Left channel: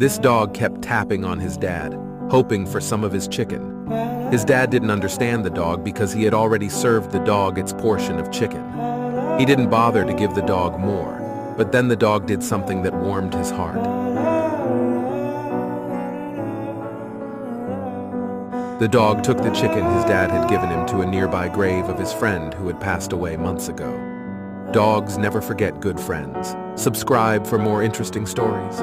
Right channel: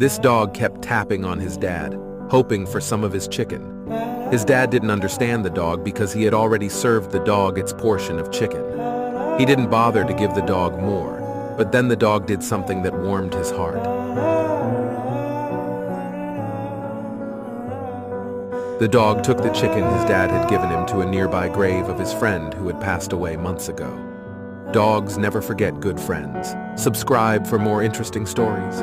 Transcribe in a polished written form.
This dog kept tapping on his dad, hoping for some of his chicken. His dad didn't understand the dog because he had already served the dog its portion of chicken. He didn't bother to give the dog more, but then the dog did something that warmed his heart. The dog took the chicken his dad had given him to a nearby grave of his friend who had passed away months ago. Dogs never forget good friends. Subscribe for more interesting stories.